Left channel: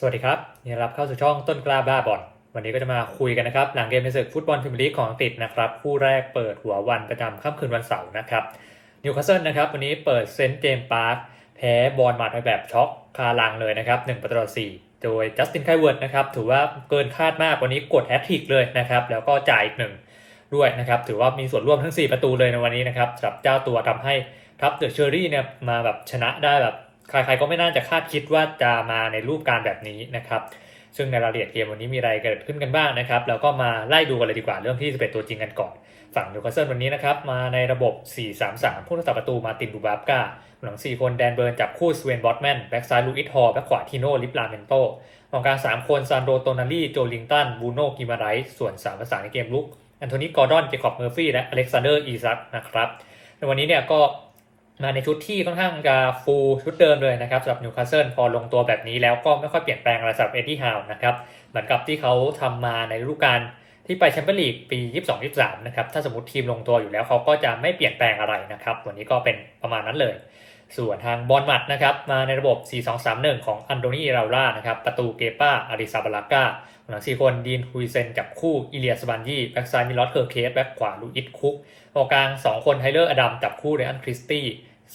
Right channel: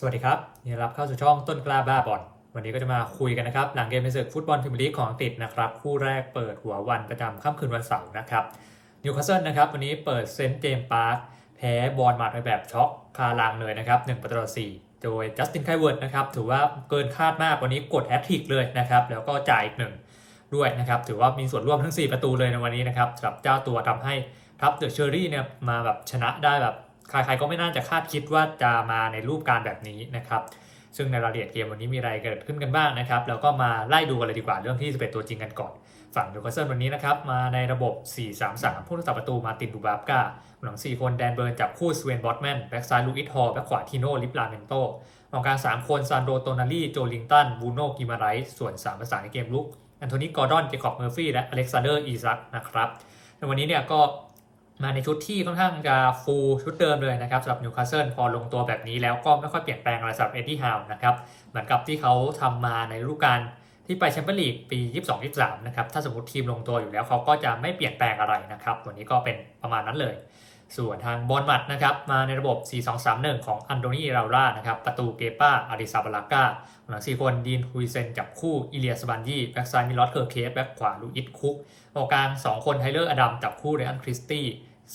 สวัสดีครับยินดีรับเข้าสู่ช่องต้นกล้าบ้าบอลวันนี้ก็จะมาคุยกันนะครับ หลังเกมในศึกฟุตบอลพรีเมียร์ลีกของอังกฤษนะครับคู่แรกเปิดหัววันประจำค่ำคืนวันเสาร์นะครับนิวคาสเซิลนะครับวันนี้เปิดเซนต์เจมส์พาร์คแพ้บอลมาดไปแบบช็อกคาลังเลยนะครับ1ประตูต่อ4โดยจัสตินไคเวิร์ดนะครับถือว่าเกินคาดมากวันนี้กดแฮตทริกเลยนะครับแล้วก็จ่ายอีกหนึ่งด้วยนะครับถือว่ามีส่วนร่วมทั้ง 4 ประตูเลยในวันนี้นะครับสำหรับเจ้าตัวทำให้ทัพเดอะเชอรี่เนี่ยมาแบบชนะได้แบบ ใครๆก็ไม่น่าจะคาดคิดว่าจะมาในรูปการแบบนี้นะครับ ซึ่งในรายละเอียดเกมวันนี้มีอะไรเกิดขึ้นกันบ้างนะครับ แล้วก็มาไล่ดูกันเลยดีกว่าเรื่องที่ 11 ตัวจริงกันก่อน ฝั่งนิวคาสเซิลวันนี้นะครับ มาในระบบ 4-3-3 ผู้รักษาประตูมาตินดูบาบกาหลัง 4 คนแดนเบิร์นจับคู่สเวนบอตแมน แบ็กซ้ายลูอิสฮอลแบ็กขวาทีโน่ลิปลาเมนโตกองกลาง3คนซานโดโตนาลีโจลิงตันบูโน่กิมาไรส์ส่วน3ประสานในเกมลุกแอนโทนีกอร์ดอนเจคอบเมอร์ฟี่และอเล็กซานเดอร์อีซักนะครับในวันนี้เนี่ยก็ มาในชุดที่ค่อนข้างจะฟูลชุดเดิมเลยนะครับสำหรับนิวคาสเซิลพอลงตัวแบบนี้แล้วก็ไม่ค่อยเปลี่ยนแปลงอะไรสำหรับเอ็ดดี้ฮาวนะครับเหมือนกับที่เขาทำมาในฤดูกาลที่ไปแชมเปี้ยนลีกปี 22-23 นะครับถ้าสมมติทีมลงตัวอยู่แล้วเขาก็จะไม่เปลี่ยนแปลงอะไรนะครับวันนี้ก็เป็นประมาณนั้นเลย ส่วนทางบอลมัดนะครับมาในระบบ 4-2-3-1 ของอันโดนีราล่านะครับประตูเกป้าอาริซาบาลาก้าหลัง4คนดีนฮุยเซนจับคู่อิเลียสบันยี่แบ็กซ้ายมิลอสเคอร์เคสแบ็กขวาลูอิสคุกตรงกลาง 2 คนไทเลอร์อดัมจับคู่เรอันคริสตี้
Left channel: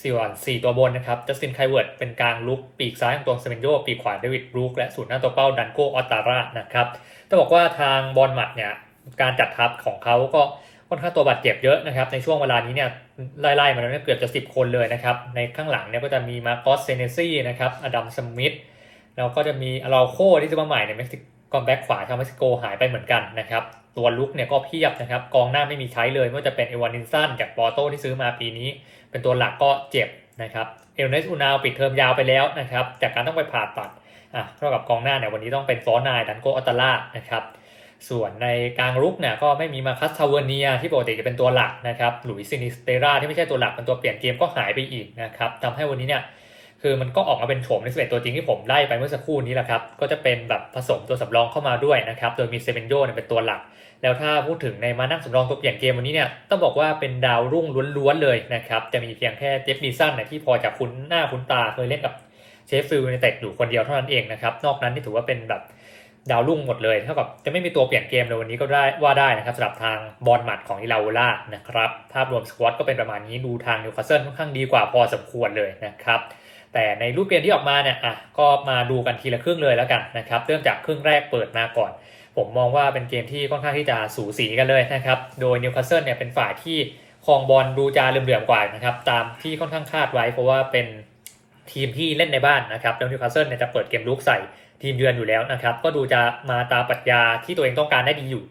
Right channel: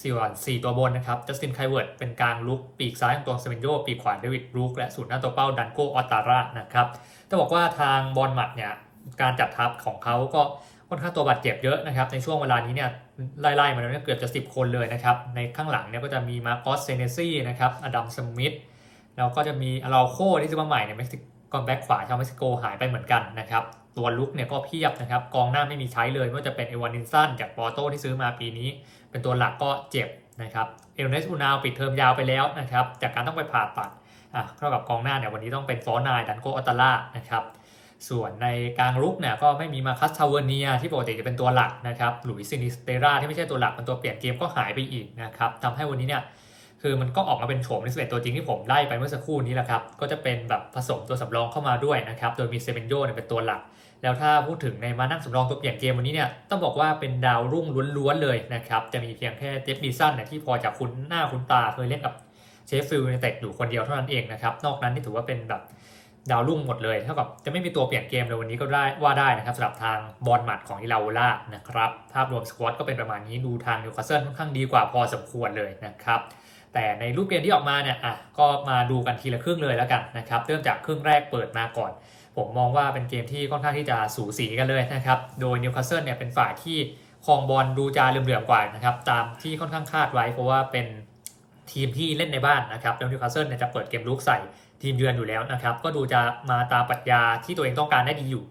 ส่วน4ตัวบนนะครับจัสตินไคเวิร์ดเป็นกลางลุกปีกซ้ายของตัวเซเมนโยปีกขวาเดวิดบรูคและศูนย์หน้าตัวเป้าดันโกออตตาร่านะครับต้องบอกว่าทางบอลหมัดเนี่ยการจัดทัพของเขาก็ค่อนข้างตัวบาดเจ็บเยอะนะครับในช่วงเวลานี้เนี่ย ไล่ๆมาแล้วเนี่ยเกือบจะ 10 คนเลยนะครับ ในข้างหลังเนี่ยก็จะมีมาร์กอสเซเนซี่นะครับอดัมสมิธแล้วก็จะมีอาราโคที่ซื้อมาใหม่ในเม็กซิโกแบ็กขวาชาวเม็กซิโกหายไปเหมือนกันนะครับ ตัวลุกเนี่ยก็เพียบนะครับ กองหน้าไม่มีใช้เลยไม่ว่าจะเป็นเอวานินสันจากปอร์โตที่ซื้อมาปีนี้ เป็นตัวหลักก็เจ็บนะครับเอลเนสอูนาวปิดเทอมยาวไปแล้วนะครับ จากการต้องไปผ่าตัดอะเท่ากับกองหน้าเนี่ยวันนี้ต้องเป็นฟอนายดันโกอัตตาล่านะครับ ส่วนในกลางรุกเนี่ยก็ไม่มีมาคัสทาวเนียที่ปกติจะเป็นตัวหลักนะครับหลุยซินิสเตราที่ไม่ใช่ตัวหลักเป็นตัวเปลี่ยนเกมก็หายไปอีกนะครับทำให้วันนี้เนี่ยคือมันก็ออกมาเป็นโฉมใน11ตัวจริงที่ผมไล่ไปเมื่อสักครู่นี้แหละครับ ก็จะเป็นแบบผสมตัวสำรองเข้ามาด้วยนะครับ โดยมีเซเบนโยเนี่ยเป็นตัวหลัก แล้วถ้าพูดถึงในมานั่งสำรองตัวเปลี่ยนเกมวันนี้เนี่ย ต้องบอกว่าเป็นดาวรุ่งล้วนๆเลยนะครับ จะมีเพียงแค่เจฟดีสันเนี่ยที่พอจะคุ้นหน้าคุ้นตาเคยเล่นกับเชฟฟิลด์ในเต็ดอยู่คนเดียวเท่านั้นเองนะครับ นอกนั้นนี่ถือว่าเป็นแบบ ดาวรุ่งหมดเลยเท่ากับจะไม่มีตัวเปลี่ยนเกมเลยวันนี้ก็ได้ว่าได้นะครับสำหรับทางบอลหมัดของอิลาโอล่านะครับภาพรวมสควอตก็เป็นประมาณนี้ดูทางนิวคาสเซิลค่อนข้างดีกว่าพอสมควรเลยนะครับแต่ในรูปเกมที่ออกมาเนี่ยอะก็มาดูกันทีละครึ่งเลยแล้วกันนะครับเริ่มจากครึ่งแรกเปิดมาก่อน ผมมองว่าเป็นเกมที่ค่อนข้างที่จะสูสีกันเลยนะครับโดยนิวคาสเซิลเนี่ยเป็นฝ่ายที่ครองบอลดูจะเหลื่อมๆกว่านะครับตามที่ค่อนข้างคาดไว้เพราะว่าเป็นทีมที่เล่นในบ้านนะครับแล้วนิวคาสเซิลเนี่ยจะเปิดเกมลุกใส่ ทีมเยือนอยู่แล้วนะครับ ก็ดูจะมาตามปรัชญาที่ตัวเองต้องการได้ดีอยู่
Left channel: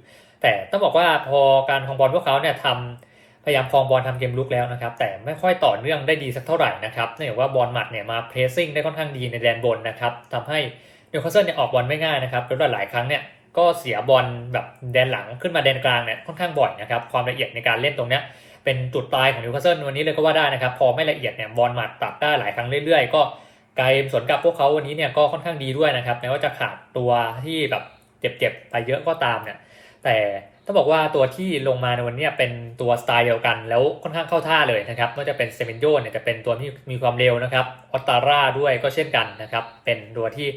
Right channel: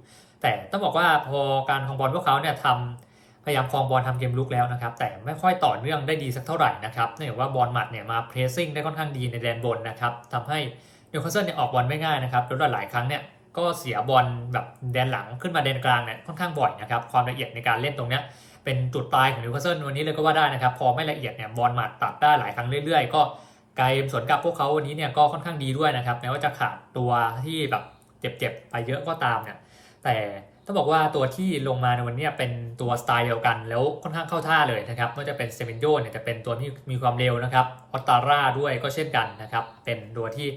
แต่ต้องบอกว่าพอการคองบอลพวกเขาเนี่ยทำพยายามคองบอลทำเกมลุกแล้วนะครับ แต่ไม่ค่อยต่อเนื่องได้ดีสักเท่าไหร่นะครับเนื่องจากว่าบอลหมัดเนี่ยมาเพรสซิ่งได้ค่อนข้างดีในแดนบนนะครับทำให้นิวคาสเซิลเนี่ยออกบอลไม่ง่ายนะครับแล้วหลายครั้งเนี่ยก็เสียบอลแบบแดนหลังขึ้นมาแดนกลางเนี่ยค่อนข้างบ่อยนะครับความละเอียดในการเล่นตรงเนี้ยเป็นจุดตายของนิวคาสเซิลวันนี้เลยก็ว่าได้นะครับ พอไม่ละเอียดเนี่ยบอลหมัดตัดได้หลายครั้งเรื่อยๆ ก็ กลายสวนกลับพวกเขาวันนี้เนี่ยก็ค่อนข้างดีด้วยนะครับแม้ว่าจะขาดตัวที่แบบเจ็บๆไปเยอะก็ตามเนี่ยแต่ต้องบอกว่าตัวที่ลงมาในวันนี้เป็นตัวสไตล์เดียวกัน แล้วค่อนข้างเข้าท่าเลยนะครับไม่ว่าจะเป็นเซเมนโยเนี่ยจะเป็นตัวที่มีความเร็วนะครับออตตาร่าด้วยก็เช่นกันนะครับเป็นตัวที่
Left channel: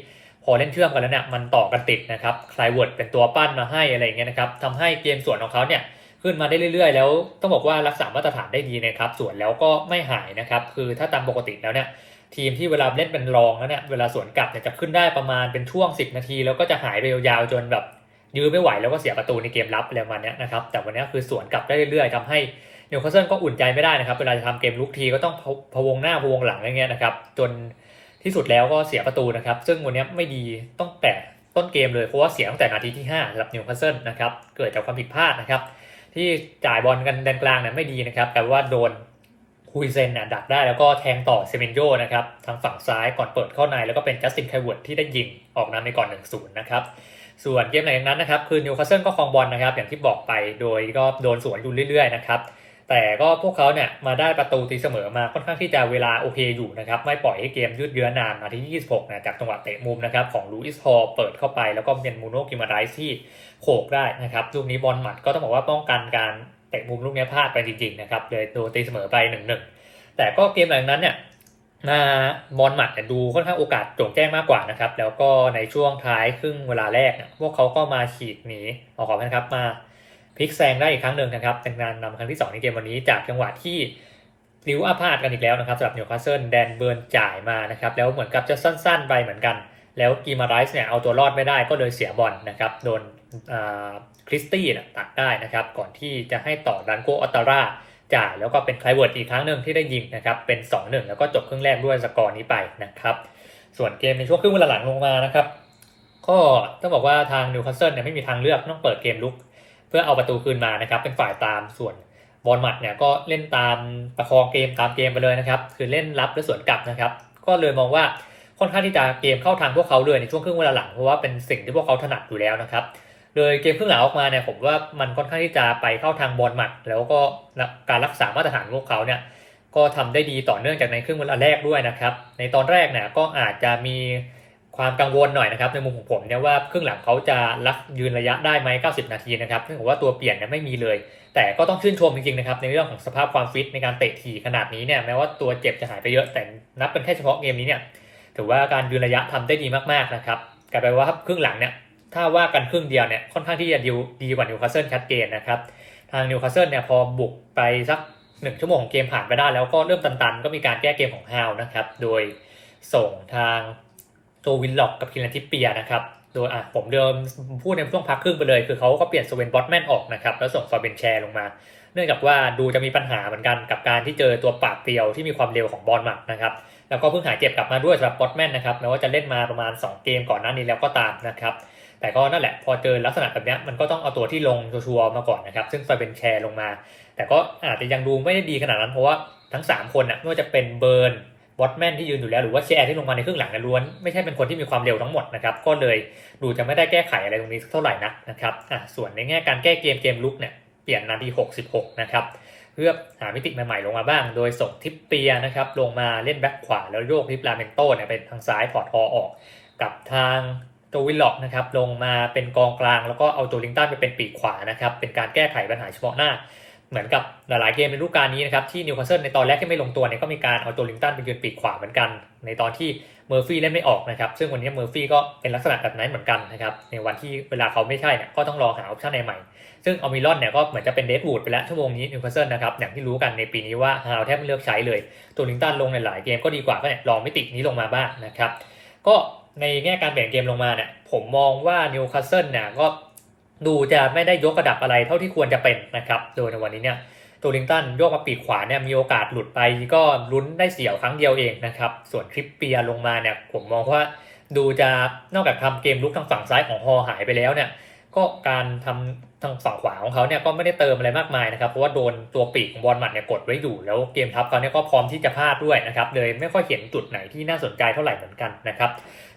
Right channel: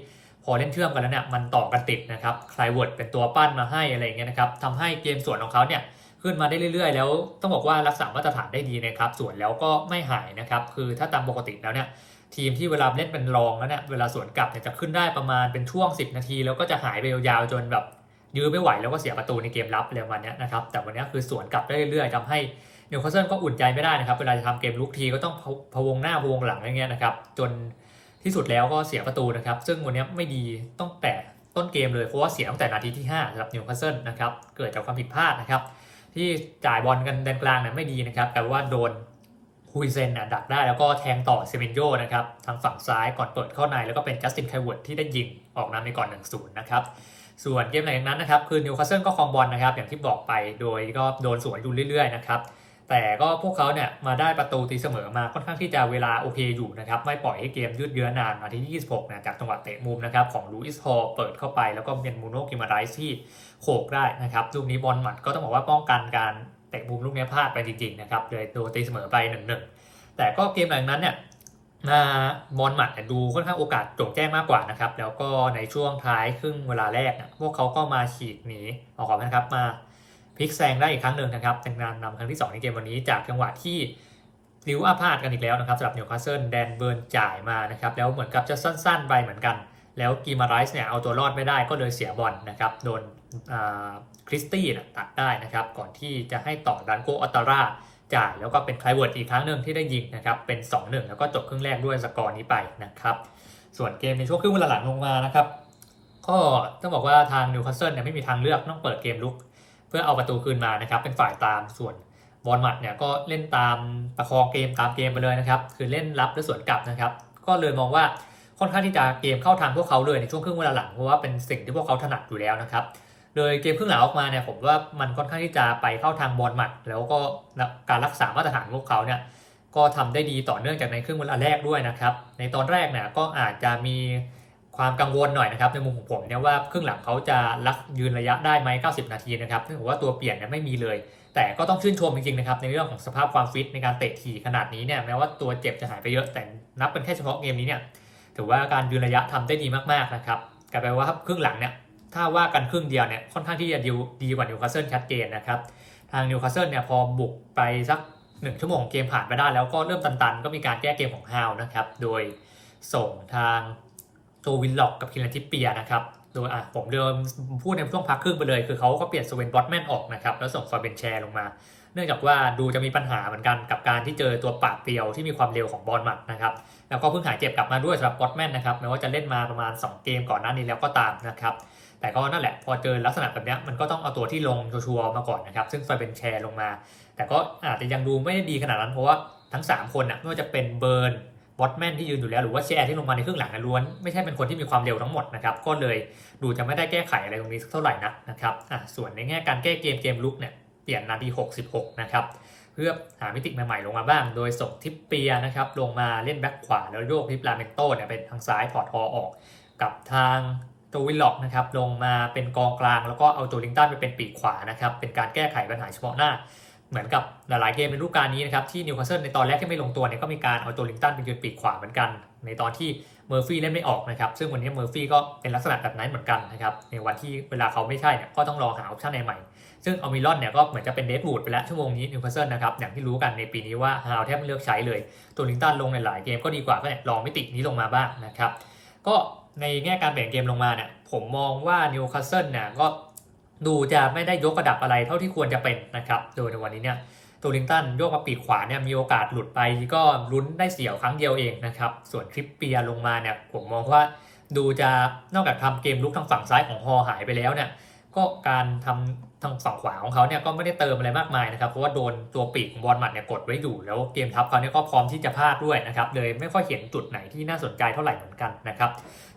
พอเล่นเชื่อมกันแล้วเนี่ยมันต่อกันติดนะครับคลายเวิร์ดเป็นตัวปั้นมาให้อะไรอย่างเงี้ยนะครับทำให้เกมส่วนของเขาเนี่ยขึ้นมาได้เรื่อยๆ แล้วต้องบอกว่ารักษามาตรฐานได้ดีนะครับส่วนแล้วก็ไม่หายนะครับคือถ้าตามปกติแล้วเนี่ย ทีมที่เวลาเล่นเป็นรองแล้วเนี่ยเวลาสวนกลับเนี่ยจะขึ้นได้ประมาณเป็นช่วง 10 นาที แล้วก็จะหายไปยาวๆจนแบบยื้อไม่ไหวแล้วก็เสียประตูในเกมรับอะไรประมาณนี้นะครับแต่วันนี้คือสวนกลับได้เรื่อยๆทำให้นิวคาสเซิลก็อุ่นใจไม่ได้นะครับ เวลาจะทำเกมลุกทีก็ต้องพะวงหน้าพะวงหลังอะไรเงี้ยนะครับ จนที่สุดแล้วก็เสียประตูนะครับ ซึ่งวันนี้ไม่ดีต้องแต่ต้นเกมเลยเพราะว่าเสียตั้งแต่นาทีที่5สำหรับนิวคาสเซิลนะครับ เกิดจากความผิดพลาดนะครับ ที่จ่ายบอลกันแดนกลางเนี่ยไม่ดีนะครับแต่ว่าโดน คุยเซนเนี่ยดักได้แล้วก็แทงต่อเซเมนโยนะครับทางฝั่งซ้ายก่อนเปิดเข้าในแล้วก็เป็นจัสตินไคเวิร์ดที่ได้ยิงออกนำในก่อน1-0นะครับส่วนเกมหลังจากนั้นนะครับคือนิวคาสเซิลก็ครองบอลนะครับอย่างที่บอกไปโดยก็โดนสวนอยู่เรื่อยๆนะครับแต่ก็พวกเขาเนี่ยมาได้ประตูตีเสมอมาค่อนข้างที่จะเวลาโอเคอยู่นะครับไม่ปล่อยให้เกมยืดเยื้อนานนาทีที่ 26นะจากจังหวะเตะมุมนะครับของลูอิสฮอลเปิดเข้าไปแล้วก็เป็นมูโนกิมาไรส์ที่โขกได้นะครับลูกนี้บอลหมัดก็ต้องบอกว่าป้องกันการ เตะมุมลูกนี้พลาดไปจริงๆนะครับเลยโดนตีเสมอไป1-1แต่ก็เกมหลังนั้นเนี่ยหน้าบอลหมัดดูค่อนข้างโอกาสโจ่งแจ้งมากกว่านะครับ แล้วก็ในช่วงท้ายครึ่งเวลาแรกเนี่ยพวกเขาก็มาฉีกหนีออกขอนะครับมาพลิกแซงได้อีกครั้งหนึ่งนะครับเป็นการนำครั้งที่ 2 ในเกมวันนี้จากจังหวะที่ลิวอาพาดกันอีกแล้วนะครับสำหรับนิวคาสเซิลแดนเบิร์นจ่ายมานะครับแล้วเหมือนกับจะสั้นๆไปเหมือนกัน แล้วกีมาไรส์เนี่ยเอาตัวรอดไม่ได้ก็เลยเสียบอลนะครับโดน คริสตี้นะตัดได้นะครับ ก่อนที่จะให้ต่อดันโกออตตาร่าจ่ายแล้วก็เป็นไคลเวิร์ดอีกครั้งหนึ่งที่ได้ยิงนะครับเป็น 2-1 แล้วก็จบครึ่งแรกด้วยสกอร์นี้ไปนะครับ ส่วนเกมในช่วงครึ่งเวลาหลังลงมานะครับก็ต้องบอกว่าทางนิวคาสเซิลเนี่ยไม่มีทางเลือกต้องเปิดเกมลุก เพื่อเอาประตูคืนมานะครับ เป็นฝ่ายตามส่วนบอลหมัดเนี่ยก็เล่นตามประคองเกมตามเกมไปเลยนะครับ คือเล่นรับและสวนกลับนะครับ ก็เลยมองว่าค่อนข้างที่จะเกมเข้าทางพวกเขาเลยในช่วงครึ่งเวลาหลังเพราะว่าเป็นสิ่งที่พวกเขาถนัดอยู่แล้วนะครับ เลยเกมครึ่งหลังออกมาเนี่ยผมว่ามันค่อนข้างที่จะไปเข้าทางบอลหมัด แล้วก็การรักษามาตรฐานพวกเขาเนี่ยก็ทำได้ดีต่อเนื่องจากในครึ่งเวลาแรกด้วยนะครับ ในตอนแรกเนี่ยก็อาจจะมีความกังวลหน่อยนะครับในมุมของผมเนี่ยว่าครึ่งหลังเขาจะรักยืนระยะได้ไหม90 นาทีนะครับเนื่งจากว่าตัวเปลี่ยนเนี่ยไม่มีเลย แต่ก็ต้องชื่นชมจริงๆนะครับในเรื่องของสภาพความฟิตในการเตะทีขนาดนี้เนี่ยแม้ว่าตัวเจ็บจะหายไปเยอะแต่นับเป็นแค่เฉพาะเกมนี้เนี่ยถือว่าการยืนระยะทำได้ดีมากๆนะครับกลายเป็นว่าครึ่งหลังเนี่ย ถ้าว่ากันครึ่งเดียวเนี่ยค่อนข้างที่จะดีดีกว่านิวคาสเซิลชัดเจนนะครับ ทางนิวคาสเซิลเนี่ยพอบุกไปสักหนึ่งชั่วโมงเกมผ่านไปได้แล้วก็เริ่มตันๆ ก็มีการแก้เกมของฮาวนะครับ โดยส่งทางโจวินล็อกกับคิลันทิปเปียนะครับ โดยอะผมเดิมพูดในช่วงพักครึ่งไปเลย คือเขาก็เปลี่ยนสเวนบอตแมนออกนะครับ แล้วส่งฟาเบนแชร์ลงมา เนื่องจากว่าดูจะมีปัญหาเหมือนกันกับการที่เจอตัวปาดเปรียวที่มีความเร็วของบอลหมัดนะครับ แล้วก็เพิ่งหายเจ็บกลับมาด้วยสำหรับบอตแมนนะครับแม้ว่าจะเล่นมาประมาณ 2 เกมก่อนหน้านี้แล้วก็ตามนะครับ แต่ก็นั่นแหละพอเจอลักษณะแบบนี้มันก็ต้องเอาตัวที่ลงชัวร์มาก่อนนะครับ ซึ่งฟาเบนแชร์ลงมา แต่ก็อาจจะยังดูไม่ได้ดีขนาดนั้น เพราะว่าทั้ง 3 คนนะไม่ว่าจะเป็นเบิร์นวอตแมนที่ยืนอยู่แล้วหรือว่าแชร์ที่ลงมาในครึ่งหลังล้วน ไม่ใช่เป็นคนที่มีความเร็วทั้งหมดนะครับ ก็เลยดูจะไม่ได้แก้ไขอะไรตรงนี้สักเท่าไหร่นักนะครับอะส่วนในแง่การแก้เกมเกมลุกเนี่ยเปลี่ยนนาที 66 นะครับเพื่อหามิติใหม่ๆลงมาบ้าง โดยส่งทิปเปียนะครับลงมาเล่นแบ็คขวาแล้วโยกทิปลาเมนโต้เนี่ยเป็นทางซ้ายพอร์ตอออก กับทาง โจวิลล็อกนะครับลงมาเป็นกองกลาง แล้วก็เอาโจลิงตันไปเป็นปีกขวานะครับเป็นการแก้ไขปัญหาเฉพาะหน้า เหมือนกับหลายๆเกมในฤดูกาลนี้นะครับที่นิวคาสเซิลในตอนแรกที่ไม่ลงตัวเนี่ยก็มีการเอาโจลิงตันไปยืนปีกขวาเหมือนกัน ในตอนที่เมอร์ฟี่เล่นไม่ออกนะครับซึ่งวันนี้เมอร์ฟี่ก็เป็นลักษณะแบบนั้นเหมือนกันนะครับในวันที่เวลาเขาไม่ใช่เนี่ยก็ต้องรอหาออปชั่นใหม่ซึ่งออมิลอนเนี่ยก็เหมือนจะเป็นเดดวูดไปแล้วชั่วโมงนี้นิวคาสเซิลนะครับอย่างที่รู้กันในปีนี้ว่าฮาวแทบไม่เลือกใช้เลย ตัวลิงตันลงในหลายเกมก็ดีกว่าก็เนี่ยลองมิตินี้ลงมาบ้างนะครับก็ ในแง่การเปลี่ยนเกมลงมาเนี่ยผมมองว่านิวคาสเซิลเนี่ยก็ดูจะไม่ได้ยกระดับอะไรเท่าที่ควรจะเป็นนะครับ โดยในวันนี้เนี่ยตัวลิงตันโยกมาปีกขวาเนี่ยมีโอกาสหลุดไปก็ลุ้นได้เสียวครั้งเดียวเองนะครับ ส่วนทริปเปียลงมาเนี่ยผมมองว่าดูจะนอกจากทำเกมลุกทางฝั่งซ้ายของฮอหายไปแล้วเนี่ย ก็การทำทางฝั่งขวาของเขาเนี่ยก็ไม่ได้เติมอะไรมากมายนะครับ เพราะว่าโดนตัวปีกของบอลหมัดเนี่ยกดไว้อยู่ แล้วเกมทับเขาเนี่ยก็พร้อมที่จะพลาดด้วยนะครับเลยไม่ค่อยเห็นจุดไหนที่น่าสนใจเท่าไหร่เหมือนกันนะครับ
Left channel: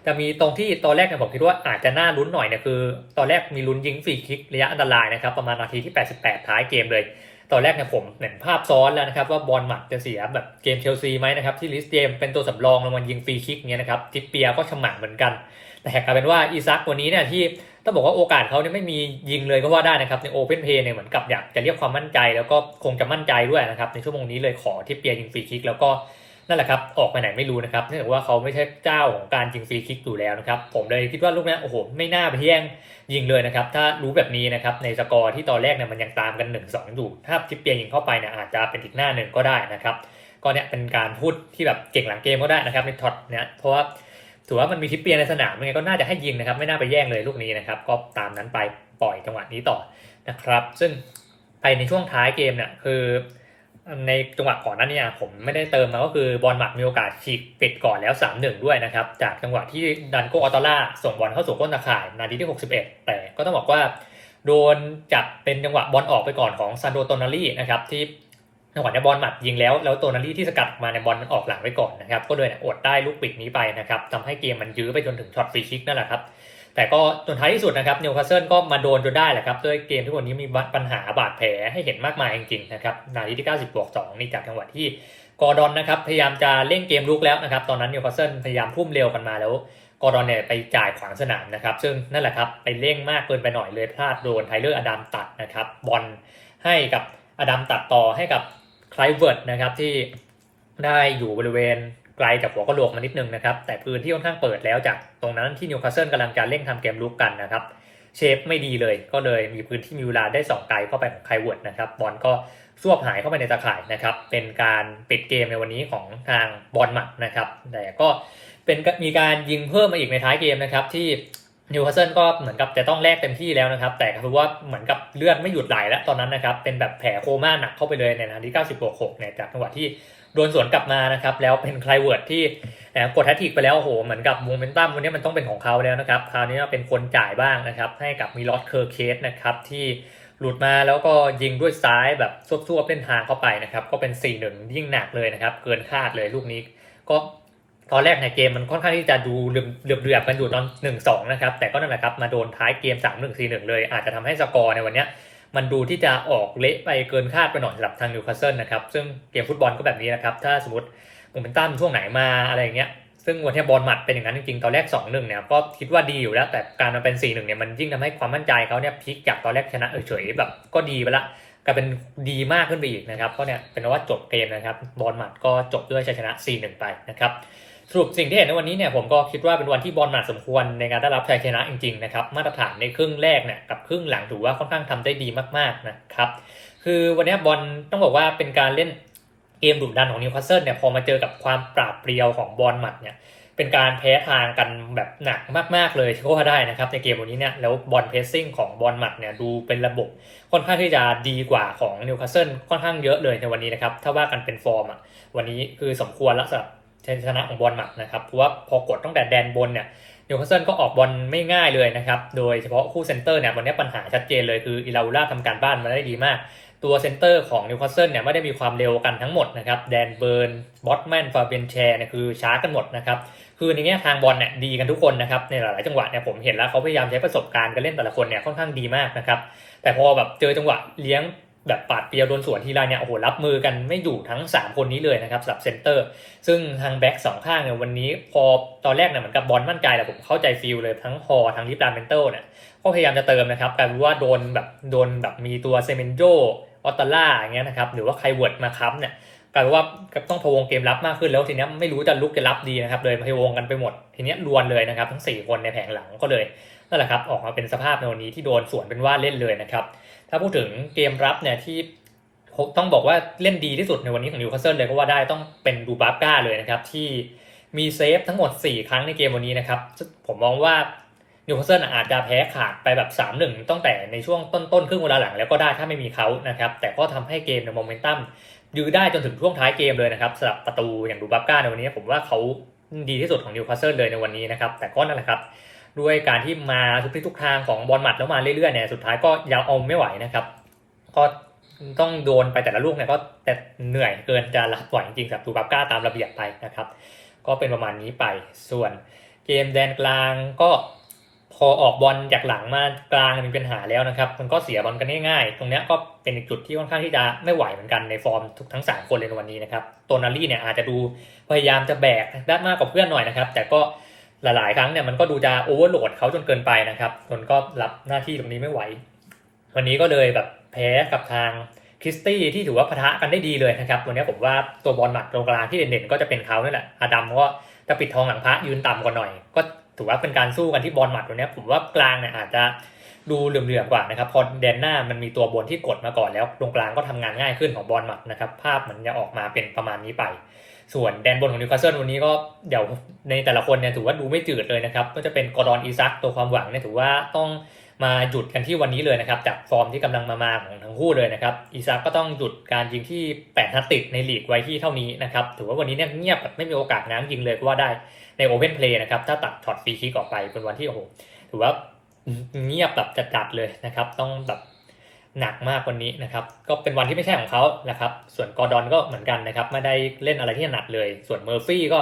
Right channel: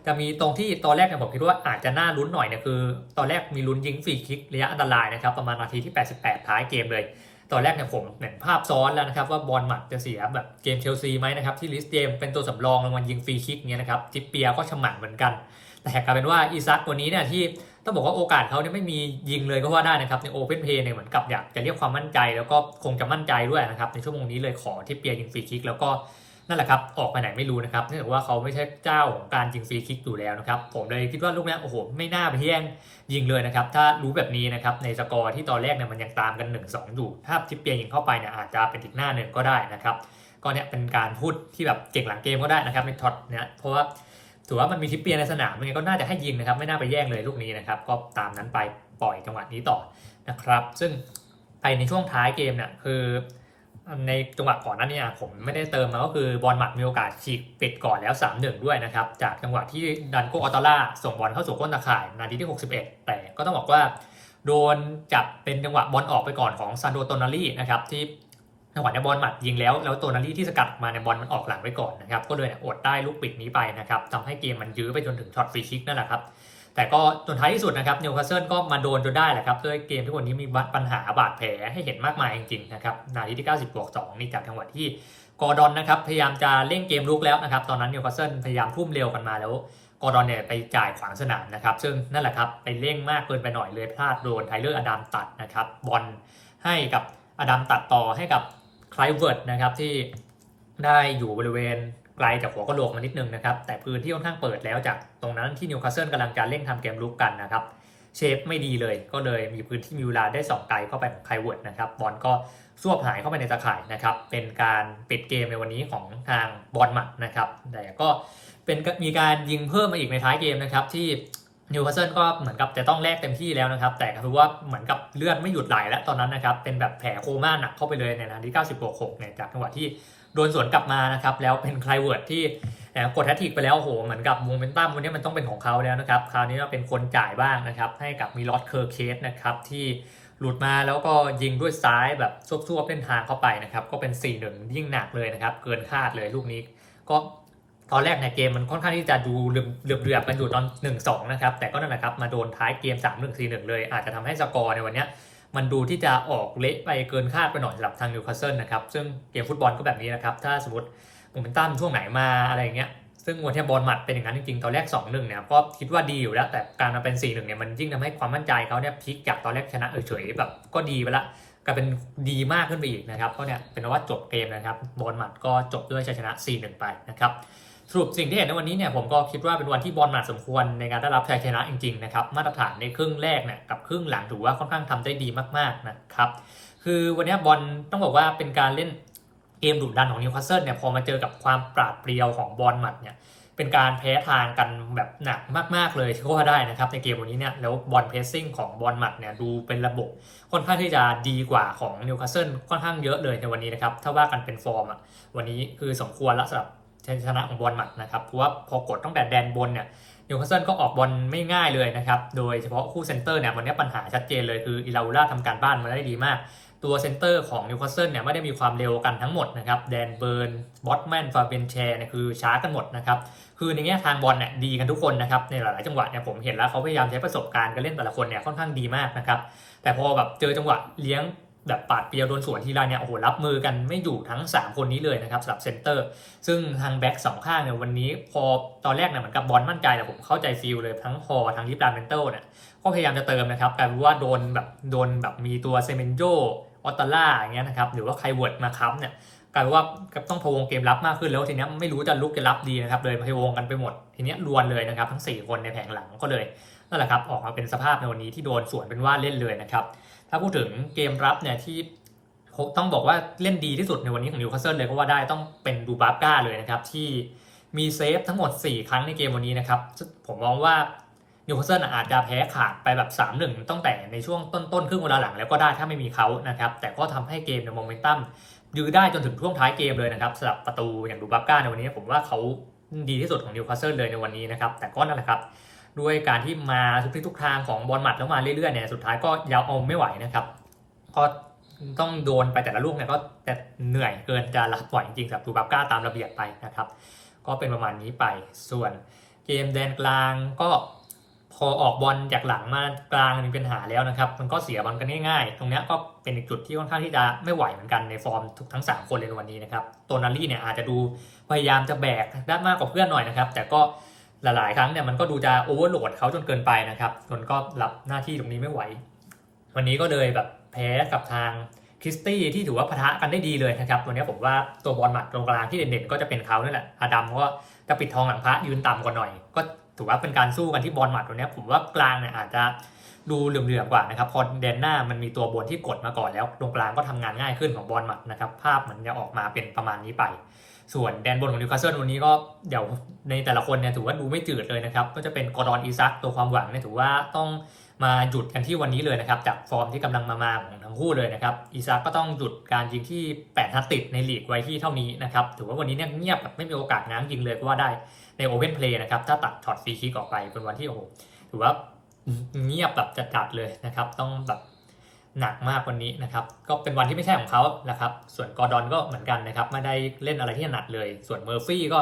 จะมีตรงที่ตอนแรกเนี่ยผมคิดว่าอาจจะน่าลุ้นหน่อยเนี่ยคือ ตอนแรกมีลุ้นยิงฟรีคิกระยะอันตรายนะครับประมาณนาทีที่ 88 ท้ายเกมเลย ตอนแรกเนี่ยผมเห็นภาพซ้อนแล้วนะครับว่าบอลหมัดจะเสียแบบเกมเชลซีไหมนะครับที่ลิสเจมเป็นตัวสำรองลงมายิงฟรีคิกเงี้ยนะครับทิปเปียก็ฉมังเหมือนกัน แต่กลายเป็นว่าอีซักวันนี้เนี่ยที่ ต้องบอกว่าโอกาสเขาเนี่ยไม่มียิงเลยก็ว่าได้นะครับในโอเพนเพย์เนี่ยเหมือนกับอยากจะเรียกความมั่นใจ แล้วก็คงจะมั่นใจด้วยนะครับในชั่วโมงนี้เลยขอทิปเปียยิงฟรีคิกแล้วก็นั่นแหละครับออกไปไหนไม่รู้นะครับเนื่องจากว่าเขาไม่ใช่เจ้าของการยิงฟรีคิกอยู่แล้วนะครับผมเลยคิดว่าลูกนี้โอ้โหไม่น่าไปแย่งยิงเลยนะครับถ้ารู้แบบนี้นะครับในสกอร์ที่ตอนแรกเนี่ยมันยังตามกัน 1-2 อยู่ถ้าทิปเปียยิงเข้าไปเนี่ยอาจจะเป็นอีกหน้าหนึ่งก็ได้นะครับก็เนี่ยเป็นการพูดที่แบบเก่งหลังเกมก็ได้นะครับในท็อตเนี่ยเพราะว่า ถือว่ามันมีทิปเปียในสนามยังไงก็น่าจะให้ยิงนะครับ ไม่น่าไปแย่งเลยลูกนี้นะครับ ก็ตามนั้นไปปล่อยจังหวะนี้ต่อนะครับ ซึ่งไปในช่วงท้ายเกมเนี่ยคือ ในจังหวะก่อนหน้านี้ผมไม่ได้เติมมาก็คือบอลหมัดมีโอกาสฉีกปิดก่อนแล้ว 3-1 ด้วยนะครับ จากจังหวะที่ดันโกออตาร่าส่งบอลเข้าสู่ก้นตาข่ายนาทีที่ 61 แต่ก็ต้องบอกว่าโดนจับเป็นจังหวะบอลออกไปก่อนของซานโดโตนารีนะครับที่ จังหวะในบอลหมัดยิงแล้วแล้วโตนารีที่สกัดมาในบอลมันออกหลังไปก่อนนะครับก็เลยอดได้ลูกปิดนี้ไปนะครับทำให้เกมมันยื้อไปจนถึงช็อตฟรีคิกนั่นแหละครับแต่ก็จนท้ายที่สุดนะครับนิวคาสเซิลก็มาโดนจนได้แหละครับด้วยเกมที่วันนี้มีปัญหาบาดแผลให้เห็นมากมายจริงๆนะครับนาทีที่ 90บวก2นี่จากจังหวะที่กอร์ดอนนะครับพยายามจะเล่นเกมลุกแล้วนะครับตอนนั้นนิวคาสเซิลพยายามทุ่มเร็วกันมาแล้วกอร์ดอนเนี่ยไปจ่ายขวางสนามนะครับซึ่งนั่นแหละครับไปเร่งมากเกินไปหน่อยเลยพลาดโดนไทเลอร์อดัมตัดนะครับบอลให้กับอดัมตัดต่อให้กับ คลเวิร์ดนะครับที่ได้อยู่บริเวณไกลจากหัวกะโหลกมานิดนึงนะครับ แต่พื้นที่ค่อนข้างเปิดแล้วจากตรงนั้นที่นิวคาสเซิลกำลังจะเร่งทำเกมลุกกันนะครับเชฟไม่ดีเลยก็เลยมีพื้นที่มีเวลาได้สองไกลเข้าไปของไคลเวิร์ดนะครับบอลก็ซวบหายเข้าไปในตาข่ายนะครับ เป็นการปิดเกมในวันนี้ของทางบอลหมัดนะครับ แต่ก็เป็นมีการยิงเพิ่มมาอีกในท้ายเกมนะครับ ที่ นิวคาสเซิลก็เหมือนกับจะต้องแลกเต็มที่แล้วนะครับ แต่คือว่าเหมือนกับเลือดไม่หยุดไหลแล้วตอนนั้นนะครับ เป็นแบบแผลโคม่าหนักเข้าไปเลยในนาที90บวก6เนี่ยจากจังหวะที่โดนสวนกลับมานะครับ แล้วเป็นไคลเวิร์ดที่กดแฮตทริกไปแล้วโอ้โหเหมือนกับโมเมนตัมวันนี้มันต้องเป็นของเขาแล้วนะครับ คราวนี้เป็นคนจ่ายบ้างนะครับ ให้กับมิลอสเคอร์เคสนะครับที่หลุดมาแล้วก็ยิงด้วยซ้ายแบบซวบๆเล่นทางเข้าไปนะครับ ก็เป็น4-1ยิ่งหนักเลยนะครับ เกินคาดเลยลูกนี้ก็ ตอนแรกในเกมมันค่อนข้างที่จะดูเดือบเดือบๆกันอยู่ตอน 1-2 นะครับ แต่ก็นั่นแหละครับ มาโดนท้ายเกม 3-1 4-1 เลย อาจจะทำให้สกอร์ในวันนี้มันดูที่จะออกเละไปเกินคาดไปหน่อยสำหรับทางนิวคาสเซิลนะครับ ซึ่งเกมฟุตบอลก็แบบนี้นะครับ ถ้าสมมติโมเมนตัมช่วงไหนมาอะไรอย่างเงี้ย ซึ่งวันที่บอลหมัดเป็นอย่างนั้นจริงๆ ตอนแรก 2-1 เนี่ยก็คิดว่าดีอยู่แล้ว แต่การมาเป็น 4-1 เนี่ยมันยิ่งทำให้ความมั่นใจเขาเนี่ยพลิกจากตอนแรกชนะเฉยๆแบบก็ดีไปละกลายเป็นดีมากขึ้นไปอีกนะครับก็เนี่ยเป็นว่าจบเกมนะครับบอลหมัดก็จบด้วยชัยชนะ 4-1 ไปนะครับ สรุปสิ่งที่เห็นในวันนี้เนี่ยผมก็คิดว่าเป็นวันที่บอลหมัดสมควรในการได้รับชัยชนะจริงๆนะครับมาตรฐานในครึ่งแรกเนี่ยกับครึ่งหลังถือว่าค่อนข้างทำได้ดีมากๆนะครับคือวันนี้บอลต้องบอกว่าเป็นการเล่นเกมดุดันของนิวคาสเซิลเนี่ยพอมาเจอกับความปราบเปรียวของบอลหมัดเนี่ยเป็นการแพ้ทางกันแบบหนักมาก ๆ เลยที่ว่าได้นะครับในเกมวันนี้เนี่ยแล้วบอลเพสซิ่งของบอลหมัดเนี่ยดูเป็นระบบค่อนข้างที่จะดีกว่าของนิวคาสเซิลค่อนข้างเยอะเลยในวันนี้นะครับถ้าว่ากันเป็นฟอร์มอะวันนี้คือสมควรแล้วสำหรับ ชัยชนะของบอลหมัดนะครับเพราะว่าพอกดตั้งแต่แดนบนเนี่ยนิวคาสเซิลก็ออกบอลไม่ง่ายเลยนะครับ โดยเฉพาะคู่เซนเตอร์เนี่ยวันนี้ปัญหาชัดเจนเลยคืออิลาอูล่าทำการบ้านมาได้ดีมาก ตัวเซนเตอร์ของนิวคาสเซิลเนี่ยไม่ได้มีความเร็วกันทั้งหมดนะครับแดนเบิร์นบอตแมนฟาเบนแชร์เนี่ยคือช้ากันหมดนะครับคือในแง่ทางบอลเนี่ยดีกันทุกคนนะครับในหลาย ๆ จังหวะเนี่ยผมเห็นแล้วเขาพยายามใช้ประสบการณ์การเล่นแต่ละคนเนี่ยค่อนข้างดีมากนะครับแต่พอแบบเจอจังหวะเลี้ยง แบบปาดเปียวโดนสวนทีไรเนี่ยโอ้โหรับมือกันไม่อยู่ทั้ง 3 คนนี้เลยนะครับสำหรับเซนเตอร์ ซึ่งทางแบ็กสองข้างเนี่ยวันนี้พอตอนแรกเนี่ยเหมือนกับบอลมั่นใจแต่ผมเข้าใจฟิลเลยทั้งฮอทั้งลิปลาเมนเตอร์เนี่ยก็พยายามจะเติมนะครับกลายเป็นว่าโดนแบบโดนแบบมีตัวเซเมนโจออตตาล่าอย่างเงี้ยนะครับหรือว่าไคเวิร์ดมาค้ำเนี่ยกลายเป็นว่าต้องพะวงเกมรับมากขึ้นแล้วทีนี้ไม่รู้จะลุกจะรับดีนะครับเลยพะวงกันไปหมด ทีนี้รวนเลยนะครับทั้ง 4 คนในแผงหลังก็เลยนั่นแหละครับออกมาเป็นสภาพในวันนี้ที่โดนสวนเป็นว่าเล่นเลยนะครับ ถ้าพูดถึงเกมรับเนี่ยที่ต้องบอกว่าเล่นดีที่สุดในวันนี้ของนิวคาสเซิลเลยก็ว่าได้ต้องเป็นดูบาร์ก้าเลยนะครับที่มีเซฟทั้งหมด 4 ครั้งในเกมวันนี้นะครับ ผมมองว่านิวคาสเซิลอาจจะแพ้ขาดไปแบบ 3-1 ตั้งแต่ในช่วงต้นๆครึ่งเวลาหลังแล้วก็ได้ถ้าไม่มีเขานะครับ แต่ก็ทำให้เกมในโมเมนตัมยื้อได้จนถึงช่วงท้ายเกมเลยนะครับสำหรับประตูอย่างดูบับก้าในวันนี้ ผมว่าเขาดีที่สุดของนิวคาสเซิลเลยในวันนี้นะครับ แต่ก็นั่นแหละครับ ด้วยการที่มาทุกทิศทุกทางของบอลหมัดแล้วมาเรื่อยๆเนี่ยสุดท้ายก็ยาวเอาไม่ไหวนะครับ ก็ต้องโดนไปแต่ละลูกเนี่ยก็แต่เหนื่อยเกินจะรับไหวจริงๆครับดูบับก้าตามระเบียบไปนะครับ ก็เป็นประมาณนี้ไปส่วนเกมแดนกลางก็พอออกบอลจากหลังมากลางมีปัญหาแล้วนะครับ มันก็เสียบอลกันง่ายๆ ตรงนี้ก็เป็นอีกจุดที่ค่อนข้างที่จะไม่ไหวเหมือนกันในฟอร์มทุกทั้ง 3 คนเลยในวันนี้นะครับตัวนารี่เนี่ยอาจจะดูพยายามจะแบกได้มากกว่าเพื่อนหน่อยนะครับ แต่ก็ หลายๆ ครั้งเนี่ยมันก็ดูจะโอเวอร์โหลดเขาจนเกินไปนะครับจนก็รับหน้าที่ตรงนี้ไม่ไหว วันนี้ก็เลยแบบแพ้กับทางคริสตี้ที่ถือว่าพะทะกันได้ดีเลยนะครับตัวนี้ผมว่าตัวบอลหมัดตรงกลางที่เด่นๆก็จะเป็นเขาเนี่ยแหละอาดัมก็จะปิดทองหลังพระยืนต่ำกว่าหน่อย ก็ถือว่าเป็นการสู้กันที่บอลหมัดตัวนี้ผมว่ากลางเนี่ยอาจจะดูเหลื่อมๆกว่านะครับพอแดนหน้ามันมีตัวบนที่กดมาก่อนแล้วตรงกลางก็ทำงานง่ายขึ้นของบอลหมัดนะครับภาพมันจะออกมาเป็นประมาณนี้ไป ส่วนแดนบนของนิวคาสเซิลวันนี้ก็เดี๋ยวในแต่ละคนเนี่ยถือว่าดูไม่จืดเลยนะครับก็จะเป็นกอร์ดอนอีซักตัวความหวังเนี่ยถือว่าต้องมาหยุดกันที่วันนี้เลยนะครับจากฟอร์มที่กำลังมามาของทั้งคู่เลยนะครับอีซักก็ต้องหยุดการยิงที่8นัดติดในลีกไว้ที่เท่านี้นะครับถือว่าวันนี้เนี่ยเงียบแบบไม่มีโอกาสง้ายิงเลยก็ว่าได้ในโอเพนเพลย์นะครับถ้าตัดช็อตฟรีคิกออกไปเป็นวันที่โอ้โหถือว่าเงียบแบบจัดๆเลยนะครับต้องแบบ หนักมากวันนี้นะครับ ก็เป็นวันที่ไม่ใช่ของเขาแหละครับ ส่วนกอร์ดอนก็เหมือนกันนะครับ ไม่ได้เล่นอะไรที่ถนัดเลย ส่วนเมอร์ฟี่ก็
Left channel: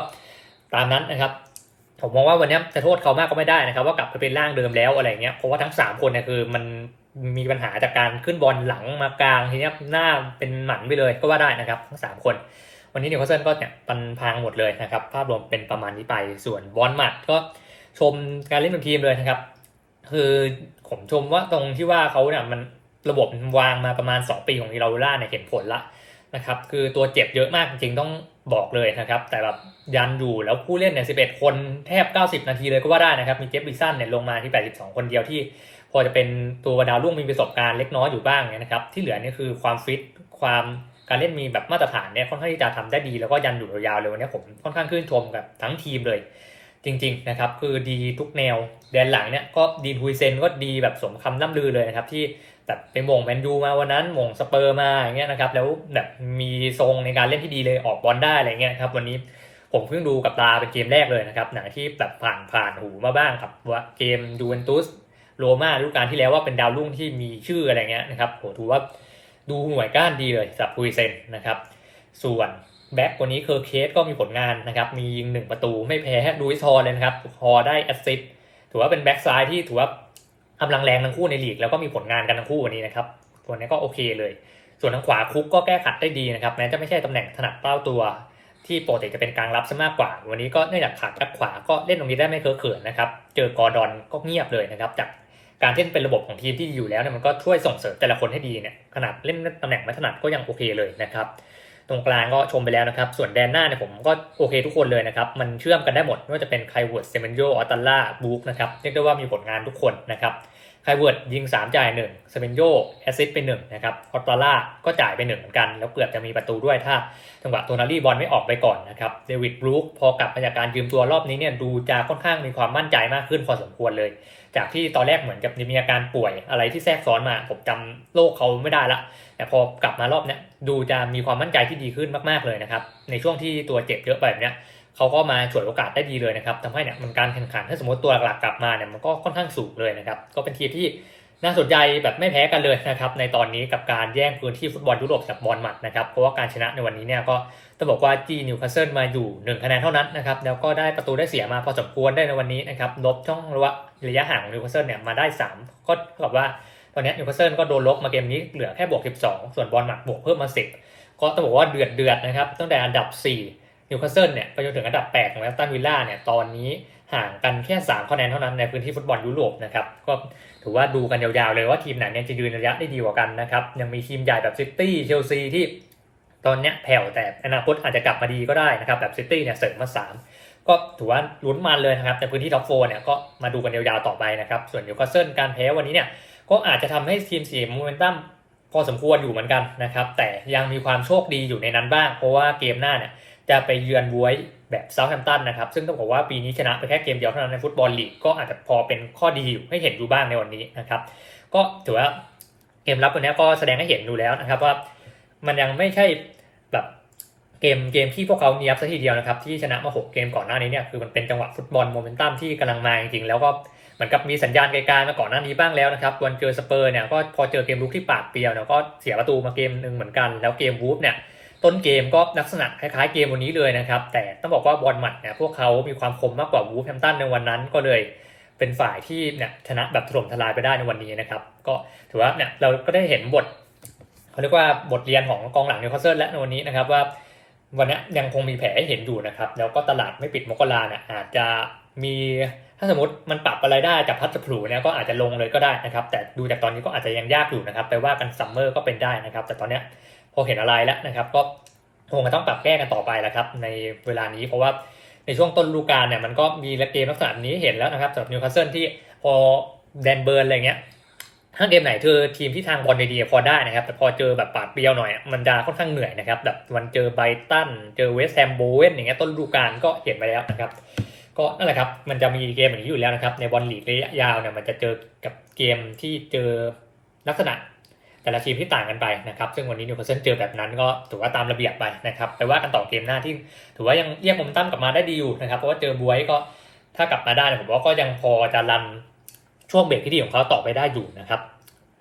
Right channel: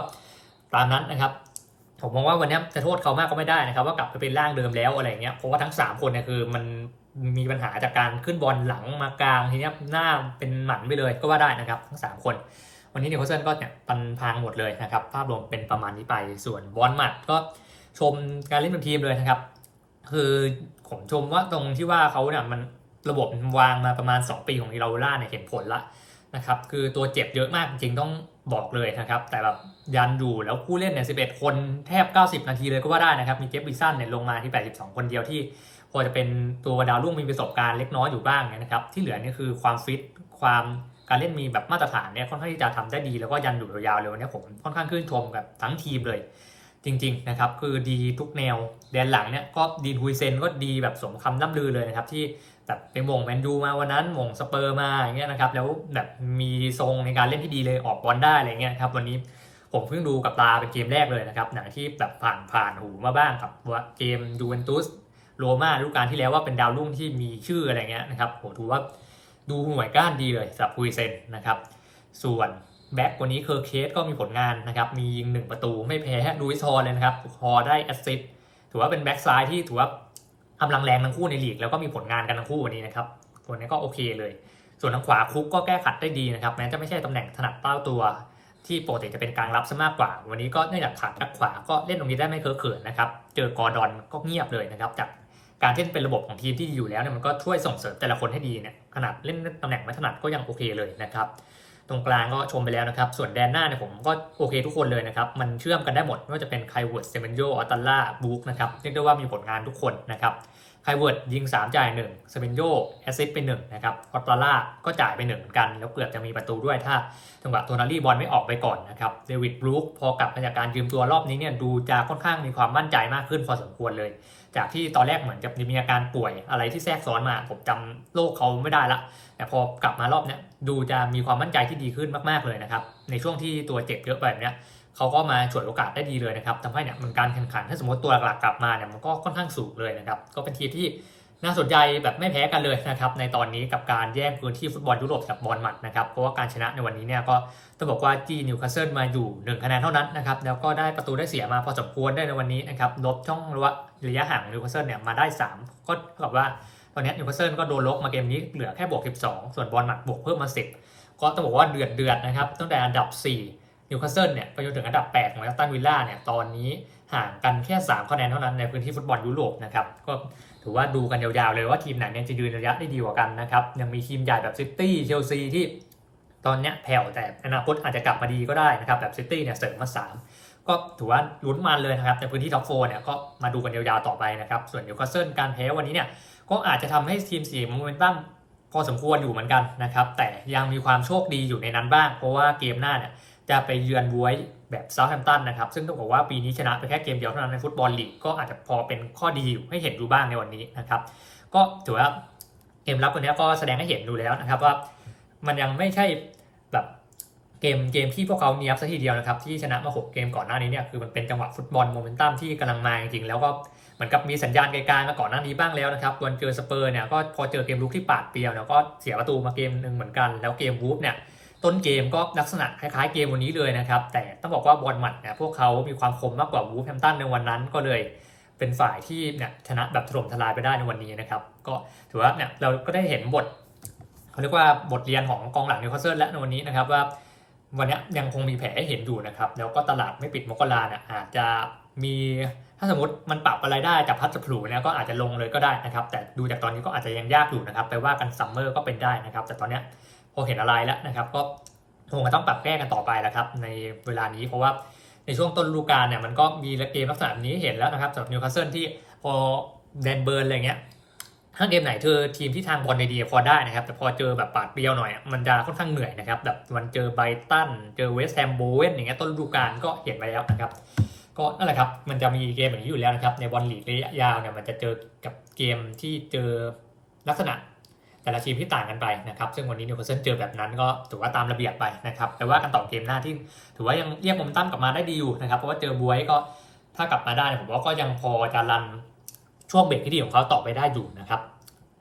ตามนั้นนะครับ ผมมองว่าวันนี้จะโทษเขามากก็ไม่ได้นะครับ ว่ากลับไปเป็นร่างเดิมแล้วอะไรเงี้ย เพราะว่าทั้ง 3 คนเนี่ยคือมันมีปัญหาจากการขึ้นบอลหลังมากลางทีนี้หน้าเป็นหมันไปเลยก็ว่าได้นะครับทั้ง 3 คน วันนี้นิวคาสเซิลก็เนี่ยปันพังหมดเลยนะครับ ภาพรวมเป็นประมาณนี้ไป ส่วนบอลหมัดก็ชมการเล่นเป็นทีมเลยนะครับ คือผมชมว่าตรงที่ว่าเขาเนี่ยมัน ระบบวางมาประมาณ 2 ปีของอิราล่าเนี่ยเห็นผลละนะครับคือตัวเจ็บเยอะมากจริงต้องบอกเลยนะครับ แต่แบบยันอยู่แล้วผู้เล่นเนี่ย11 คนแทบ 90 นาทีเลยก็ว่าได้นะครับ มีเจฟบิสันเนี่ยลงมาที่ 82 คนเดียวที่พอจะเป็นตัวดาวรุ่งมีประสบการณ์เล็กน้อยอยู่บ้างเนี่ยนะครับ ที่เหลือนี่คือความฟิตความการเล่นมีแบบมาตรฐานเนี่ยค่อนข้างที่จะทำได้ดีแล้วก็ยันอยู่ยาวๆเลยวันนี้ผมค่อนข้างชื่นชมกับทั้งทีมเลย จริง ๆ นะครับ คือดีทุกแนวแดนหลังเนี่ยก็ดีนฮุยเซนก็ดีแบบสมคำล่ำลือเลยนะครับที่ แบบไปมงแมนยูมาวันนั้นมงสเปอร์มาอย่างเงี้ยนะครับ แล้วแบบมีทรงในการเล่นที่ดีเลยออกบอลได้อะไรเงี้ยครับ วันนี้ผมเพิ่งดูกับตาเป็นเกมแรกเลยนะครับหนังที่แบบผ่านผ่านหูมาบ้างกับว่าเกมดูเวนตุสโรม่าฤดูกกาลที่แล้วว่าเป็นดาวรุ่งที่มีชื่ออะไรเงี้ยนะครับโหถือว่าดูหน่วยก้านดีเลยสำหรับฮุยเซนนะครับ ส่วนแบ็กวันนี้เคอร์เคสก็มีผลงานนะครับ มียิงหนึ่งประตูไม่แพ้ดูอิสฮอร์เลยนะครับฮอได้แอสซิสถือว่าเป็นแบ็กซ้ายที่ถือว่า กำลังแรงทั้งคู่ในลีกแล้วก็มีผลงานกันทั้งคู่วันนี้นะครับตัวนี้ก็โอเคเลย ส่วนทางขวาคุกก็แก้ขัดได้ดีนะครับแม้จะไม่ใช่ตำแหน่งถนัดเต้าตัวที่ปกติจะเป็นกลางรับซะมากกว่า วันนี้ก็เนื่องจากขาดแบ็กขวาก็เล่นตรงนี้ได้ไม่เคอะเขินนะครับเจอกอร์ดอนก็เงียบเลยนะครับจากการที่เป็นระบบของทีมที่อยู่แล้วเนี่ยมันก็ช่วยส่งเสริมแต่ละคนให้ดีเนี่ยขนาดเล่นตำแหน่งไม่ถนัดก็ยังโอเคเลยนะครับ ตรงกลางก็ชมไปแล้วนะครับ ส่วนแดนหน้าเนี่ยผมก็โอเคทุกคนเลยนะครับ มันเชื่อมกันได้หมดไม่ว่าจะเป็นไคลเวิร์ดเซเมนโยออตัลล่าบูคนะครับเรียกได้ว่ามีผลงานทุกคนนะครับไคลเวิร์ดยิง 3 จ่าย1เซเมนโยแอซิสไป1นะครับออตัลล่าก็จ่ายไป1เหมือนกัน แล้วเกือบจะมีประตูด้วยถ้าจังหวะโทนารี่บอลไม่ออกไปก่อนนะครับเดวิดบรูคพอกลับมาจากการยืมตัวรอบนี้เนี่ยดูจะค่อนข้างมีความมั่นใจมากขึ้นพอสมควรเลย จากที่ตอนแรกเหมือนกับมีอาการป่วยอะไรที่แทรกซ้อนมา ผมจำโรคเขาไม่ได้ละแต่พอกลับมารอบเนี้ยดูจะมีความมั่นใจที่ดีขึ้นมากๆเลยนะครับ ในช่วงที่ตัวเจ็บเยอะแบบเนี้ยเขาก็มาฉวยโอกาสได้ดีเลยนะครับทำให้เนี่ยมันการแข่งขันถ้าสมมติตัวหลักกลับมาเนี่ยมันก็ค่อนข้างสูงเลยนะครับก็เป็นทีมที่น่าสนใจแบบไม่แพ้กันเลยนะครับในตอนนี้กับการแย่งพื้นที่ฟุตบอลยุโรปกับบอลหมัดนะครับเพราะว่าการชนะในวันนี้เนี่ยก็ ต้องบอกว่าจีนิวคาสเซิลมาอยู่ 1 คะแนนเท่านั้นนะครับ แล้วก็ได้ประตูได้เสียมาพอสมควรได้ในวันนี้นะครับ ลบช่องระยะระยะห่างนิวคาสเซิลเนี่ยมาได้ 3 ก็เท่ากับว่าตอนนี้นิวคาสเซิลก็โดนลบมาเกมนี้เหลือแค่บวก 12 ส่วนบอลหมัดบวกเพิ่มมา 10 ก็ต้องบอกว่าเดือดเดือดนะครับ ตั้งแต่อันดับ 4 นิวคาสเซิลเนี่ยไปจนถึงอันดับ8ของแอสตันวิลล่าเนี่ยตอนนี้ห่างกันแค่ 3 คะแนนเท่านั้นในพื้นที่ฟุตบอลยุโรปนะครับก็ถือว่าดูกันยาวๆเลยว่าทีมไหนเนี่ยจะยืนระยะได้ดีกว่ากันนะครับยังมีทีมใหญ่แบบซิตี้เชลซีที่ ตอนเนี้ยแผ่วแต่อนาคตอาจจะกลับมาดีก็ได้นะครับแบบซิตี้เนี่ยเสริมมา3ก็ถือว่าลุ้นมันเลยนะครับในพื้นที่ท็อปโฟเนี่ยก็มาดูกันยาวๆต่อไปนะครับส่วนนิวคาสเซิลการแพ้วันนี้เนี่ยก็อาจจะทำให้ทีมเสียโมเมนตัมพอสมควรอยู่เหมือนกันนะครับแต่ยังมีความโชคดีอยู่ในนั้นบ้าง เพราะว่าเกมหน้าเนี่ยจะไปเยือนบวยแบบเซาท์แฮมป์ตันนะครับซึ่งต้องบอกว่าปีนี้ชนะไปแค่เกมเดียวเท่านั้นในฟุตบอลลีกก็อาจจะพอเป็นข้อดีอยู่ให้เห็นอยู่บ้างในวันนี้นะครับก็ถือว่าเกมรับวันนี้ก็แสดงให้เห็นดูแล้วนะครับว่า มันยังไม่ใช่แบบเกมเกมที่พวกเขาเนียบซะทีเดียวนะครับ ที่ชนะมาหกเกมก่อนหน้านี้เนี่ยคือมันเป็นจังหวะฟุตบอลโมเมนตัมที่กำลังมาจริงๆแล้วก็เหมือนกับมีสัญญาณไกลๆมาก่อนหน้านี้บ้างแล้วนะครับวันเจอสเปอร์เนี่ยก็พอเจอเกมลุกที่ปาดเปรียวเนี่ยก็เสียประตูมาเกมหนึ่งเหมือนกัน แล้วเกมวูฟเนี่ยต้นเกมก็ลักษณะคล้ายๆเกมวันนี้เลยนะครับ แต่ต้องบอกว่าบอลหมัดเนี่ยพวกเขามีความคมมากกว่าวูฟแฮมตันในวันนั้นก็เลยเป็นฝ่ายที่เนี่ยชนะแบบถล่มทลายไปได้ในวันนี้นะครับ ก็ถือว่าเนี่ยเราก็ได้เห็นบท เขาเรียกว่าบทเรียนของกองหลังนิวคาสเซิลและในวันนี้นะครับว่าวันนี้ยังคงมีแผลให้เห็นอยู่นะครับแล้วก็ตลาดไม่ปิดมกราเนี่ยอาจจะมีถ้าสมมติมันปรับอะไรได้จากพัดสผลูเนี่ยก็อาจจะลงเลยก็ได้นะครับ แต่ดูจากตอนนี้ก็อาจจะยังยากอยู่นะครับไปว่ากันซัมเมอร์ก็เป็นได้นะครับ แต่ตอนเนี้ยพอเห็นอะไรแล้วนะครับ ก็คงจะต้องปรับแก้กันต่อไปแล้วครับ ในเวลานี้เพราะว่าในช่วงต้นฤดูกาลเนี่ยมันก็มีเกมลักษณะนี้เห็นแล้วนะครับสำหรับนิวคาสเซิลที่พอแดนเบิร์นอะไรเงี้ย ถ้าเกมไหนเธอทีมที่ทางบอลดีๆพอได้นะครับ แต่พอเจอแบบปาดเปรียวหน่อยมันจะค่อนข้างเหนื่อยนะครับแบบมันเจอไบตันเจอเวสต์แฮมโบเวนอย่างเงี้ยต้นฤดูกาลก็เห็นไปแล้วนะครับ ก็นั่นแหละครับมันจะมีเกมอย่างนี้อยู่แล้วนะครับในบอลลีกระยะยาวเนี่ยมันจะเจอกับเกมที่เจอลักษณะ แต่ละทีมที่ต่างกันไปนะครับซึ่งวันนี้นิวคาสเซิลเจอแบบนั้นก็ถือว่าตามระเบียบไปนะครับไปว่ากันต่อเกมหน้าที่ ถือว่ายังเรียกมเมตั้มกลับมาได้ดีอยู่นะครับเพราะว่าเจอบวยก็ถ้ากลับมาได้ผมว่าก็ยังพอจะรัน ช่วงเบรกที่ดีของเขาต่อไปได้อยู่นะครับ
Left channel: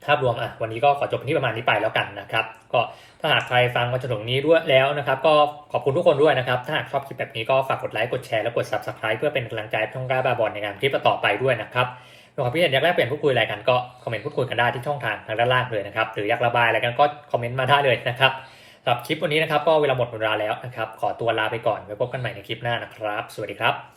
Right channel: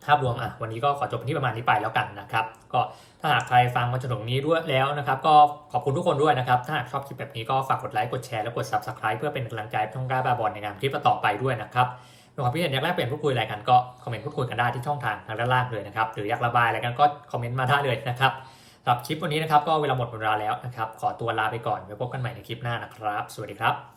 ภาพรวมอะวันนี้ก็ขอจบที่ประมาณนี้ไปแล้วกันนะครับ ก็ถ้าหากใครฟังมาจนถึงนี้ด้วยแล้วนะครับ ก็ขอบคุณทุกคนด้วยนะครับ ถ้าหากชอบคลิปแบบนี้ก็ฝากกดไลค์กดแชร์และกด subscribe เพื่อเป็นกำลังใจช่องกล้าบาบอลในงานคลิปต่อไปด้วยนะครับถ้าความคิดเห็นอยากแลกเปลี่ยนพูดคุยอะไรกันก็คอมเมนต์พูดคุยกันได้ที่ช่องทางทางด้านล่างเลยนะครับหรืออยากระบายอะไรกันก็คอมเมนต์มาได้เลยนะครับสำหรับคลิปวันนี้นะครับก็เวลาหมดเวลาแล้วนะครับขอตัวลาไปก่อนไว้พบกันใหม่ในคลิปหน้านะครับ สวัสดีครับ